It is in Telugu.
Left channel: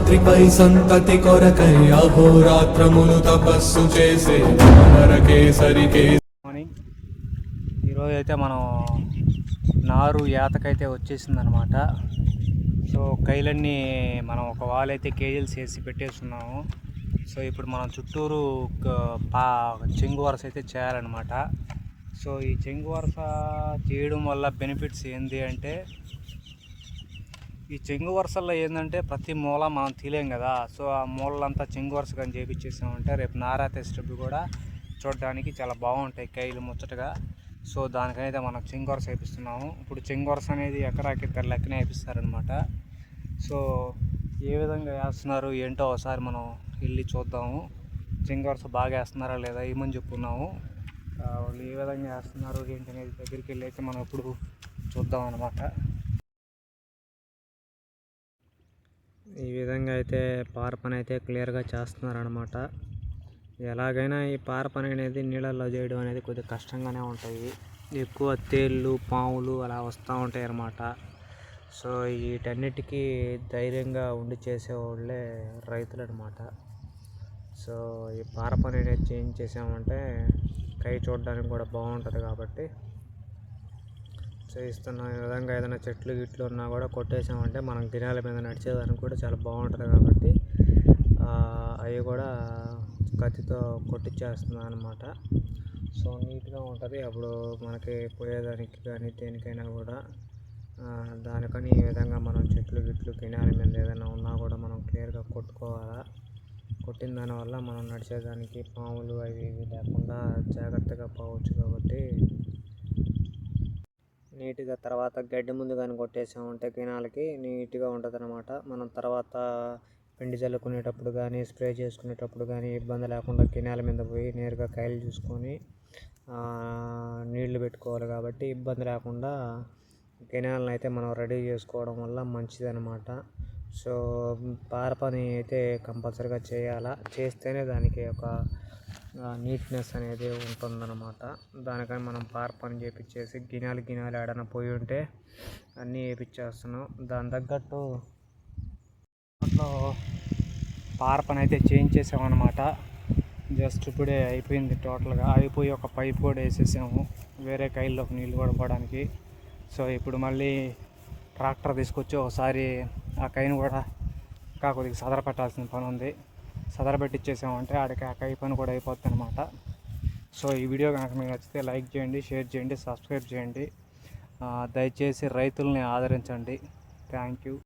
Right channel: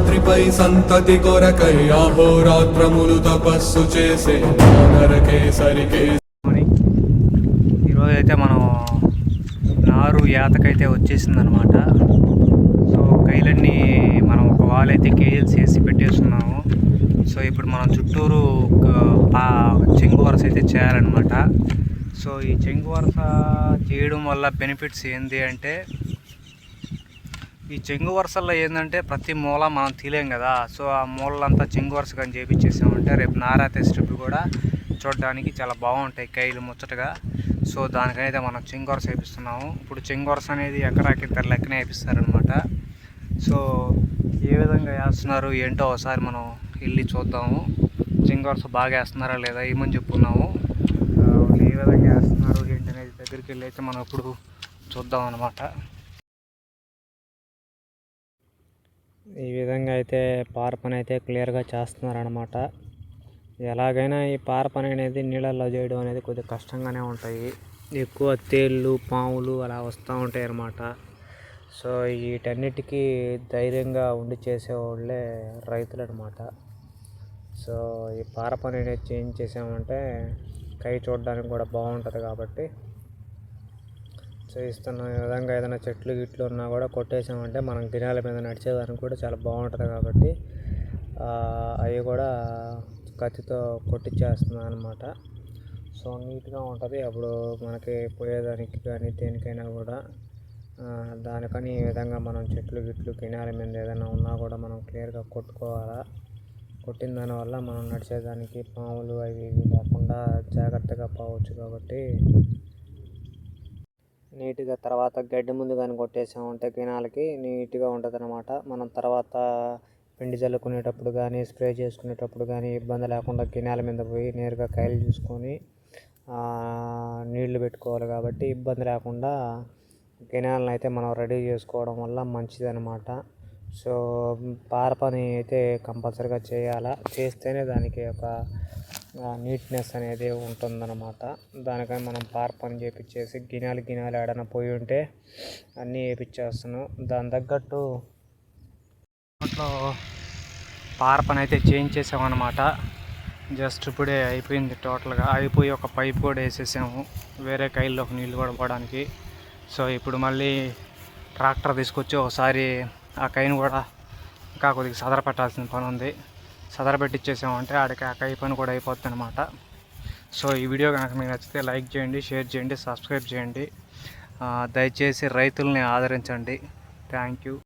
రాత్రిపై సంతతి కొరకై అహోరాత్రములు తపస్సు చేసే నరకేసరికే ఈరోజు అయితే మనం నారు ఏతకైతే వచ్చేసిందనమాట. సో కైలన్నీ మనం ఒక వాల్ అయితే కేజీలు చేసి పెట్టేస్తున్నాము సో ఇప్పుడు మనం చుట్టూరు పా చెంగు వరస అయితే చేయాలన్నమాట. సో ఈ చెంగు వరస చేయడం వల్ల బెనిఫిట్స్ ఏంటి అంటే ఈ చెంగు వరుసల్లో ఏంటంటే ప్రతి మూల మనం తీలేం కదా. సో ఆ మూలంతా చెంగు వరుస కానీ చేపించేసామంటే రేపు నారాతే స్ట్రిప్ కూడా చూడడానికి చాలా బాగుంటాయి కైలు ముచ్చటగా. సో దానికైతే మనం చెంగు వరుస వేపిస్తున్నాము. ఇప్పుడు చెంగు వరుస అనేది ఎకరాకి ఇద్దరు లెక్కనే వేపిస్తారనమాట సో ఏ విధంగా వేస్తున్నారు ఏంటో ఒకసారి మనం వెళ్ళి చూద్దాము. చెంగు వరుస బాగా వేస్తున్నారా లేదా ఏమని చెప్పుకున్నాము వాళ్ళు ఏ విధంగా వేస్తున్నారు ఏంటనేది దగ్గరికి వెళ్ళి అయితే మనం ఇప్పుడు చూద్దాం అనమాట ఈ విధంగా అయితే పార పని అయితే క్లియర్గా చేస్తున్నారనమాట ఎలాగైనా ఈ పార పని అనేది నీళ్ళల్లో చేయడం అనేది కొద్దిగా కష్టంగానే ఉంటాయి. ఎక్కువ తేళ్ళు పాములు అలా వస్తూ ఉంటాయి అన్నమాట సో వీటన్నిటికీ ధైర్యంగా ఉండి చేసేవాళ్ళే రైతులు అనమాట సో ఈ పార పని అనేది చేంజ్ చేసామంటే కై చూడడానికి కూడా బాగుంటుంది కాబట్టి చేయిస్తున్న ఈ విధంగా ఏదైనా చెట్లు గిట్లు ఉన్నా కూడా కొట్టేసామంటే మనం గిన్నెల మీద నడిచేదానికి కూడా చాలా బాగుంటుంది కాబట్టి అవి కూడా కత్తితో కొట్టించేస్తున్నాను అనమాట సో నీట్గా ఉంటుంది. అప్పుడు మనకి పోయేదానికి కానీ దేనికైనా కూడా దానికని ఈ విధంగా మనం చెట్లు గిట్లు గినాల మీద ఏదైనా ఉన్నా కూడా మనం క్లియర్గా కొట్టుకోవాలా? కొట్టిన దానివల్ల మనం నడిచేదానికి పాములు అవి ఇవి లేకుండా జాగ్రత్తగా పోవచ్చు కాబట్టి నీట్గా తర్వాత గడ్డి ముందు కానీ కొట్టేసామంటే కినాలకి నీట్గా ఉంటుంది అనమాట మనం తర్వాత పిండి చల్లుకునేటప్పుడు కానీ స్ప్రే చేసుకునేటప్పుడు కానీ ఇబ్బంది లేకుండా కినాల మీద పోయి నేరుగా కాయలు చూసుకొని నీళ్ళు పెట్టుకోవాలి కాబట్టి ఇబ్బంది లేకుండా కెనాల్ని అయితే మనం రెడీ చేసుకోవడం వల్ల మంచిదనమాట సో పార పని అయితే కంపల్సరీగా చేయాలా? చేస్తేనే దానికి ఒక నీట్నెస్ అనేది ఉంటుందన్నమాట. దానికని మనం పార పని చేపించేసి గినాలు గినాలు ఏడన పోయి ఉంటే అన్నీ వేపించేస్తున్నాం దాని తగ్గట్టు అప్పట్లో పార పని అయితే చేయించేసామన్నమాట. జస్ట్ ఇప్పుడే అయిపోయింది టోటల్గా. అయిపోయి ఒక పైప్ కూడా వేసేసాము. వేరే కైల్లోకి నీళ్ళు కూడా పోవడానికి సో ఇప్పుడు మళ్ళీ ట్రాక్టర్ తీసుకొచ్చి ఒకసారి ఆ కైను కూడా ఇంకా కొద్దిగా సదర పెట్టాల్సిన పని ఉంది సదర పెట్టించేసామంటే ఆడికి ఆ కై పని కూడా అయిపోతుంది అనమాట సో ఈ వీడియో కనుక మీకు నచ్చితే లైక్ చేయండి షేర్ చేయండి సబ్స్క్రైబ్ చేయండి. దయచేసి రైతుల్ని ఆదరించండి. Thank you.